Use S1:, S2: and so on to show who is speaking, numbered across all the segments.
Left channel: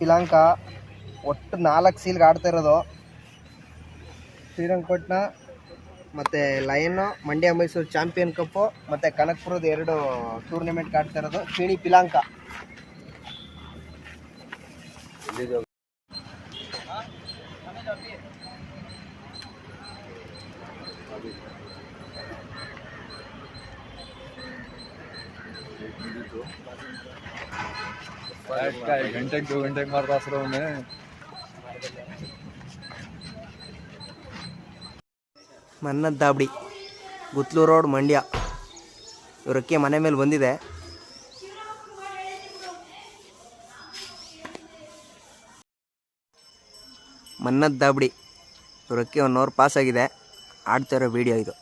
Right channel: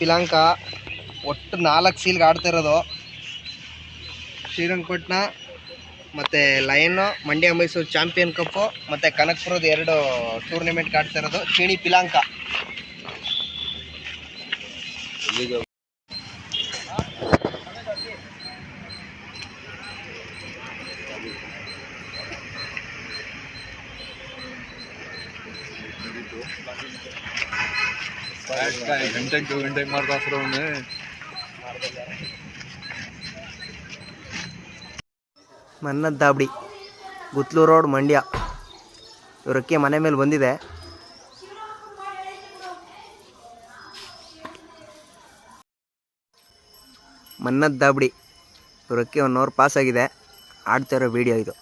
S1: ಪಿಲಾಂಕ ಒಟ್ಟು ನಾಲ್ಕು ಸೀಲ್ಗೆ ಆಡ್ತಾ ಇರೋದು. ಶ್ರೀರಂಗಪಟ್ಟಣ ಮತ್ತು ಲಯನ್ನು ಮಂಡ್ಯ, ಮೈಸೂರು ಚಾಂಪಿಯನ್ ಕಪ್ಪು ಮತ್ತು ಕನಕಪುರದ ಎರಡು ಟೂರ್ನಮೆಂಟ್ಗೆ ಆಡ್ತಾ ಇರೋದು. ಚೀಣಿ ಪಿಲಾಂಕ.
S2: घंटे दो घंटे मारता फिर उन्हें
S1: ಮನ್ನದ್ ದಾಬಡಿ ಗುತ್ಲೂರು ರೋಡ್ ಮಂಡ್ಯ ಇವರಕ್ಕೆ ಮನೆ ಮೇಲೆ ಬಂದಿದೆ ಮನ್ನದ್ ದಾಬಡಿ ಇವರಕ್ಕೆ ಒನ್ ಅವರ್ ಪಾಸ್ ಆಗಿದೆ ಆಡ್ತಾ ಇರೋ ವಿಡಿಯೋ ಇದು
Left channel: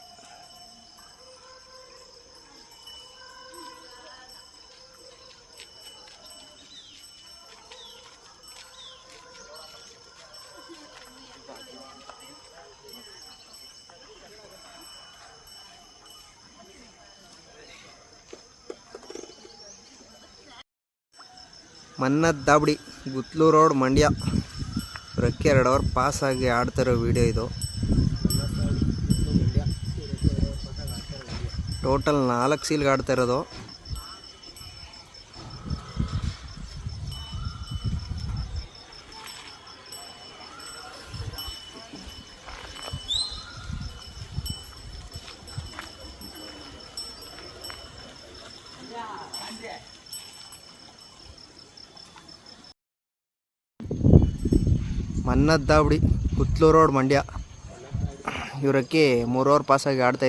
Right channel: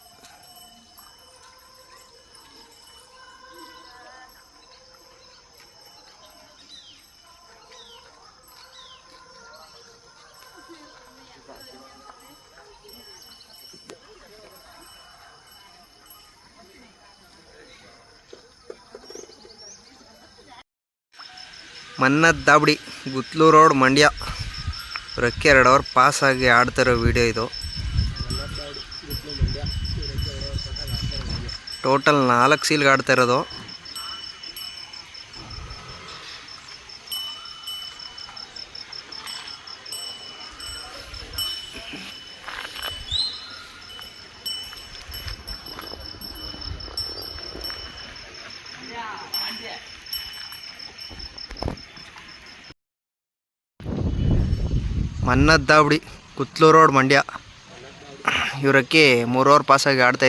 S1: ಮನ್ನದ್ ದಾಬಡಿ, ಗುತ್ಲೂ ರೋಡ್, ಮಂಡ್ಯ. ರೆಕ್ಕೆ ಎರಡು ಅವರ್ ಆಗಿ ಆಡ್ತಾ ಇರೋ ವಿಡಿಯೋ ಇದು. ಟೋಟಲ್ ನಾಲ್ಕು ಸೀಲ್ಗೆ ಆಡ್ತಾ ಇರೋದು ಮನ್ನದ್ ದಾಬಡಿ ಕುತ್ಲೂರು ರೋಡ್ ಮಂಡ್ಯ. ಇವರಕ್ಕೆ ಮೂರು ಅವರ್ ಪಾಸಾಗಿ ಆಡ್ತಾ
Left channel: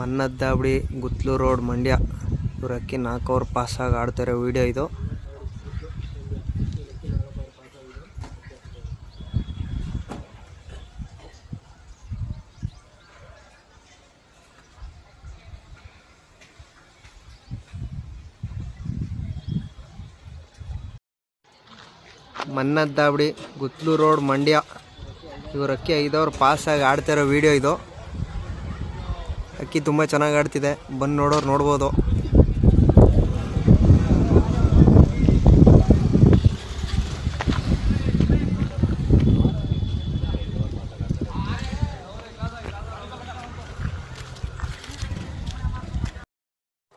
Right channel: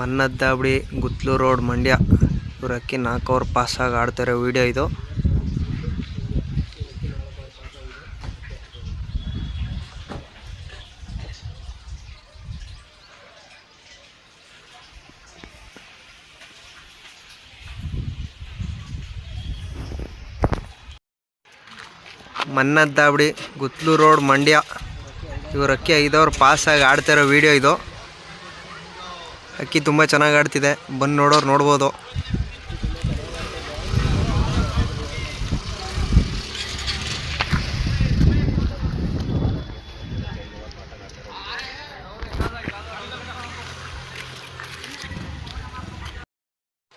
S1: ಇದೆ ಗುತ್ಲು ರೋಡ್ ಮಂಡ್ಯ. ಇವರಕ್ಕೆ ನಾಲ್ಕು ಅವರ್ ಪಾಸಾಗಿ ಆಡ್ತಾರೆ ವಿಡಿಯೋ ಇದು. ಮನ್ನದ್ದಾಬಡಿ, ಗುತ್ಲು ರೋಡ್ ಮಂಡ್ಯ. ಇವರಕ್ಕೆ ಐದವ್ರು ಪಾಸಾಗಿ ಆಡ್ತಾ ಇರೋ ವಿಡಿಯೋ ಇದು. ಅಕ್ಕಿ ತುಂಬ ಚೆನ್ನಾಗಿ ಆಡ್ತಿದೆ. ಬಂದು ನೋಡೋರು ನೋಡ್ಬೋದು.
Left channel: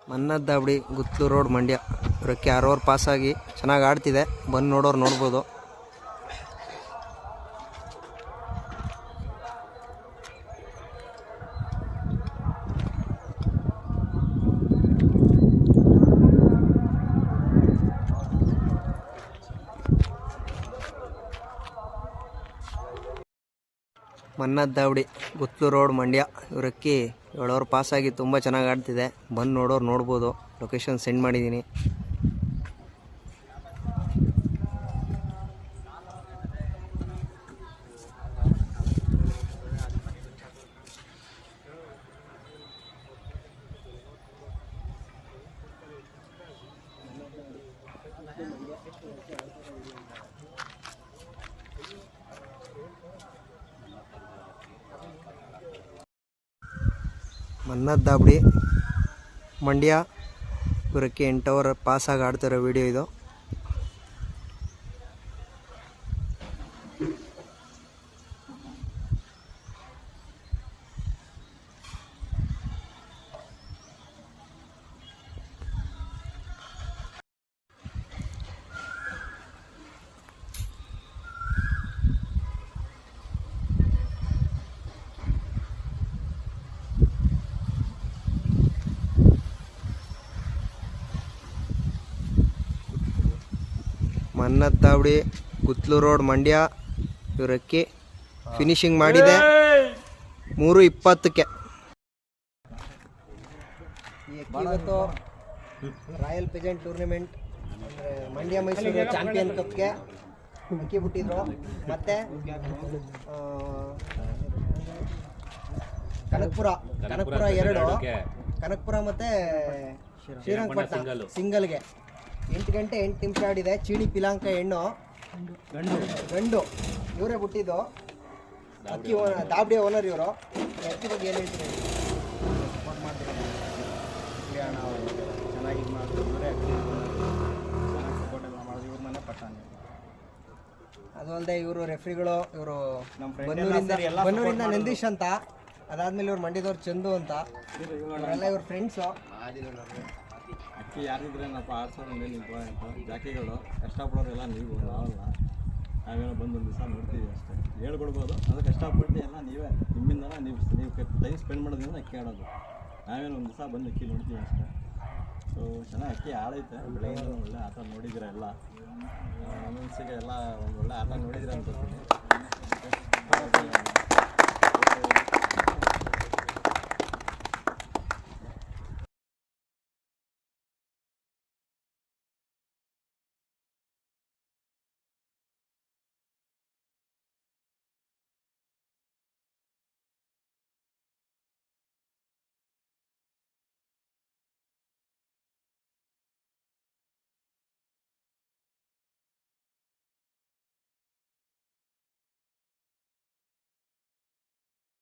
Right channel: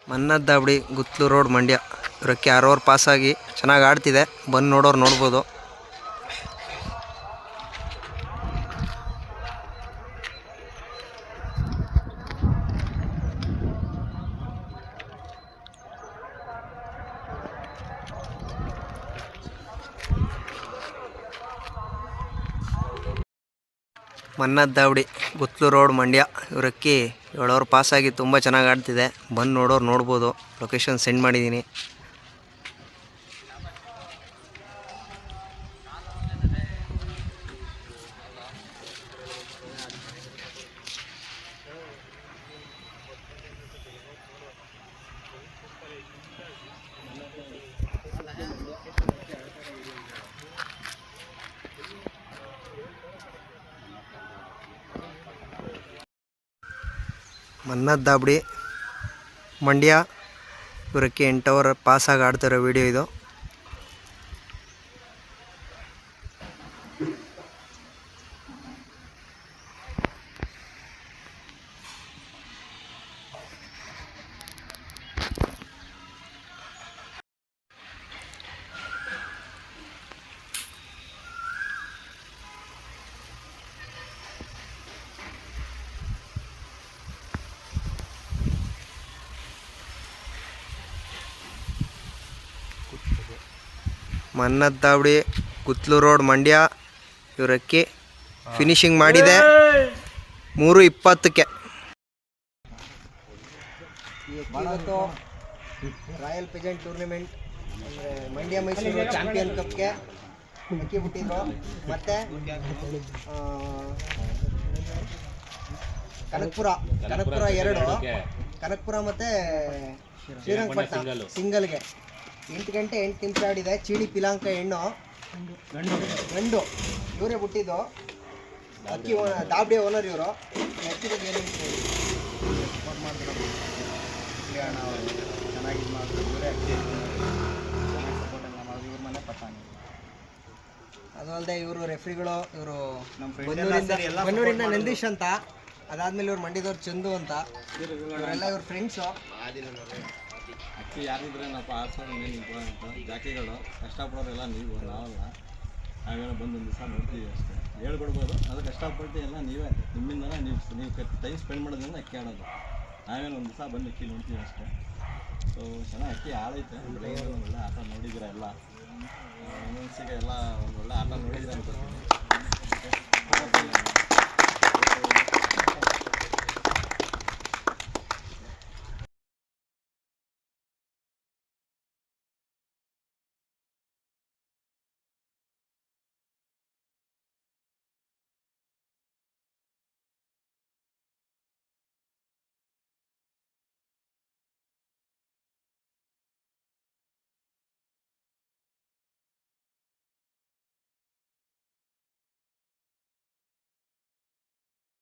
S1: ಮನ್ನದ್ದಾಬಡಿ ದಾಬಡಿ ಗುತ್ಲೂರು ರೋಡ್ ಮಂಡ್ಯ. ಇವರಕ್ಕೆ ಯಾರೋರು ಪಾಸಾಗಿ ಚೆನ್ನಾಗಿ ಆಡ್ತಿದೆ. ಬಂದು ನೋಡೋರು ನೋಡ್ಬೋದು. ಮನ್ನದ್ ದಾವಡಿ ಗುತ್ಲು ರೋಡ್ ಮಂಡ್ಯ. ಇವರಕ್ಕೆ ಏಳೋರು ಪಾಸಾಗಿ ತುಂಬ ಚೆನ್ನಾಗಿ ಆಡ್ತಿದೆ. ಬಂದು ನೋಡೋರು ನೋಡ್ಬೋದು. ಲೊಕೇಶನ್ ಸೆಂಡ್ ಮಾಡಿದ್ದೀನಿ ಮನ್ನದ್ ದಾಬಡಿ ಮಂಡ್ಯ. ಇವರಕ್ಕೆ ಎಂಟು ಅವರ್ ಪಾಸಾಗಿ ಆಡ್ತಿರೋ ವಿಡಿಯೋ ಇದು. ಮನ್ನದ್ ದಾವಡಿ ಕುತ್ಲು ರೋಡ್ ಮಂಡ್ಯ ಇವರಕ್ಕಿ ಫಿನಿಶಿಂಗ್ ಮಾಡಿದೆ. ಮೂರು ಇಪ್ಪತ್ತಕ್ಕೆ. Royal pageant tournament Mandya Mysuru champion ಕಪ್ಗೆ
S3: ಅಕ್ಕಿ ಬಿಟ್ಟಿದ್ರು ಮತ್ತೆ ಕನಕಪುರ ಕನಕಪುರ ಎರಡು, ಕನಕಪುರ ಮತ್ತೆ ಶ್ರೀರಂಗಪಟ್ಟಣ ಸಿಂಗಲ್ಗೆ. ಎಂಟು ಗಂಟೆ ಎಂಟು ನಿಮಿಷ ಆಡಿದೆ. ಚೀಡಿ ಪಿಲಾಂಕ ಹೆಣ್ಣು. ಗಂಡು. ಗಂಡು. ಇವರೇ ಬಿಟ್ಟಿದ್ದು ಅಕ್ಕಿ ದಾಬಡಿ ಓನರ್ ಇವರು. ಅಕ್ಕಿ ಬಗ್ಗೆ ಏನು
S4: ಸಪೋರ್ಟ್ ಮಾಡ್ತಾರೆ ಅಣ್ಣ ಅವರು ಚೆನ್ನಾಗಿ ಇದು ಮಾಡಿದ್ರು ಇವರೇ ಅಕ್ಕಿ. ಚೆನ್ನಾಗಿ ಸಪೋರ್ಟ್ ಎಲ್ಲ ಮಾಡಿದ್ರು ಇವ್ರ ಮನೆ ಪಟ್ಟಾನೆ
S3: ಅದು ಅಲ್ಲದೆ ಇವರು ರೆಫ್ರಿಗಳು ಇವರು
S4: ನಮ್ಮ ಫ್ರೆಂಡ್
S3: ಬನ್ನೂರಿಂದ
S4: ಸೇರಿ ಎಲ್ಲ
S3: ಬನ್ನೂರಿಂದ ನಂದೀಶ್ ಅಂತ. ಅದಾದ್ಮೇಲೆ ಇವ್ರು ಮಂಡ್ಯದವ್ರು ಚಂದು ಅಂತ. ಇವರೆಲ್ಲ ಇವ್ರ ಫ್ರೆಂಡ್ಸು
S4: ಅಕ್ಕಿ ಯಾರಿದ್ರೇನಪ್ಪ ಮೇಲೆ ಮೇನ್ ಇಂಪಾರ್ಟೆಂಟು ಜಾಕಿಗಳು, ಕಷ್ಟಪಡೋರೆಲ್ಲ ನೀವು, ನಾವಲ್ಲ. ನಾವೇನೋ ಬಂದು ಒಂದು ದಿವಸ ನೋಡ್ತೀವಿ ಅಷ್ಟೇ. ಹೇಳ್ಕೊಡ್ಬೋದು ಅದು ಕಷ್ಟಪಟ್ಟು ಎಲ್ಲ ನೀವೇ, ನಿಮ್ಮಿಂದನೇ ನೀವು ನೀವು ಟೈಮ್ ಸ್ಪೆಂಡ್ ಮಾಡೋದ್ರಿಂದ ಅಕ್ಕಿ ಆಡೋದು ನಾವೇನು ಒಂದು ದಿವಸ ಬಂದು ಅಕ್ಕಿ ನೋಡ್ತೀವಿ ಅಷ್ಟೇ. ಸೊ ಚೆನ್ನಾಗಿ ಅಕ್ಕಿ ಆಳೈತೆ ಬೆಳಗ್ಗೆ ಒಳ್ಳೆ ಆಟ ನೋಡಿದ್ರೆ ಎಲ್ಲ? ಮನಸ್ಸಿಗೆ ಎಲ್ಲ ಒಂದು ಒಳ್ಳೆ ಆಟ ನೋಡಿದ್ರೆ ಅನ್ಕೋತೀನಿ.